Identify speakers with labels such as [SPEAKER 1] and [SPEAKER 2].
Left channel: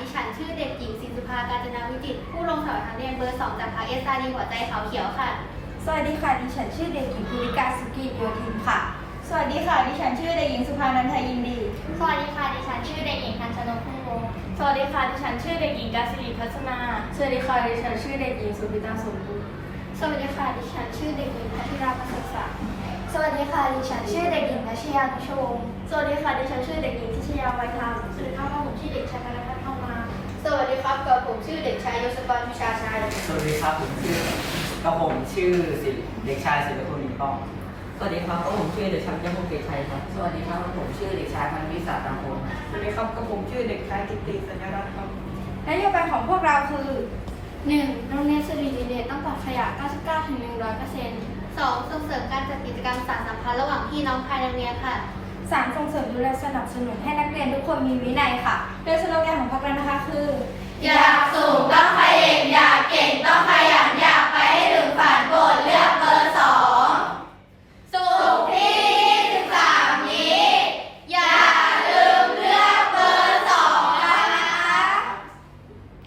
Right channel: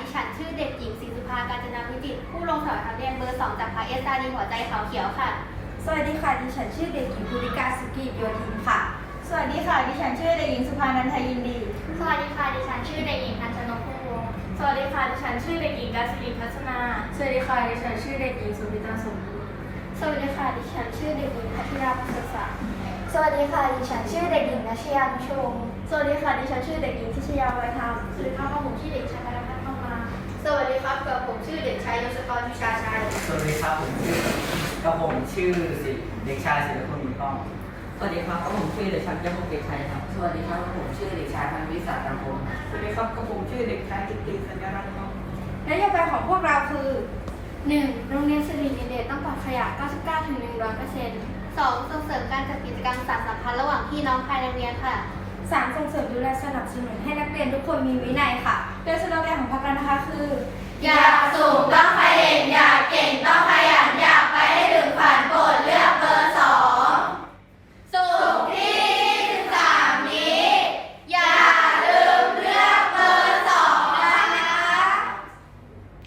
[SPEAKER 1] ดิฉันชื่อเด็กหญิงศิสุภาการจนาวิจิต ผู้ลงสมัครนักเรียนเบอร์สองจากพารคเอสอาดีหัวใจขาวเขียวค่ะ
[SPEAKER 2] สวัสดีค่ะดิฉันชื่อเด็กหญิงภูริกาสุกิโยธินค่ะ สวัสดีค่ะดิฉันชื่อเด็กหญิงสุภานันทยินดี
[SPEAKER 3] สวัสดีค่ะดิฉันชื่อเด็กหญิงพันชนกพุ่งวงสวัสดีค่ะดิฉันชื่อเด็กหญิงกาสิรีพัฒนา ส
[SPEAKER 2] วัสดีค่ะดิฉันชื่อเด็กหญิงสุภิตาสมบูรณ์
[SPEAKER 3] สวัสดีค่ะดิฉันชื่อเด็กหญิงพัทิราพันศักดิ์ส
[SPEAKER 2] วัสดี
[SPEAKER 3] ค่ะดิฉ
[SPEAKER 2] ันชื่อเด็กหญิงนชยาพิชว
[SPEAKER 3] สวัสดีค่ะ
[SPEAKER 2] ดิ
[SPEAKER 3] ฉั
[SPEAKER 2] นชื่อเด็กหญิงท
[SPEAKER 3] ิ
[SPEAKER 2] ชยาไ
[SPEAKER 3] กับผมชื่อเด็กชายยศกรวิชาชัย
[SPEAKER 4] สวัสดีครับผมชื่อกับผมชื่อศิลป์เด็กชายศิลปคุณมีต้อง
[SPEAKER 5] สวัสดีครับผมชื่อเด็กชายเจ้าพงเกตชัยครับ สวัสดีครับผมชื่อเด็กชายพันวิสาตังโกนครับส
[SPEAKER 6] วัสดีครับกับผมชื่อเด็กชายกิตติสัญรัตน์ครับ
[SPEAKER 2] นโยบายของพวกเราคือ
[SPEAKER 3] 1. โรงเรียนสิริวิเดชต้องปลอดขยะ 99ถึง100%
[SPEAKER 1] 2. ส่งเสริมการจัดกิจกรรมสานสัมพันธ์ระหว่างพี่น้องภายในโรงเรียนค่ะ
[SPEAKER 2] 3. ส่งเสริมดูแลสนับสนุนให้นักเรียนทุกคนมีวินัยค่ะ โดยสโลแกนของพรรคเรานะคะคืออยากสูงก็ข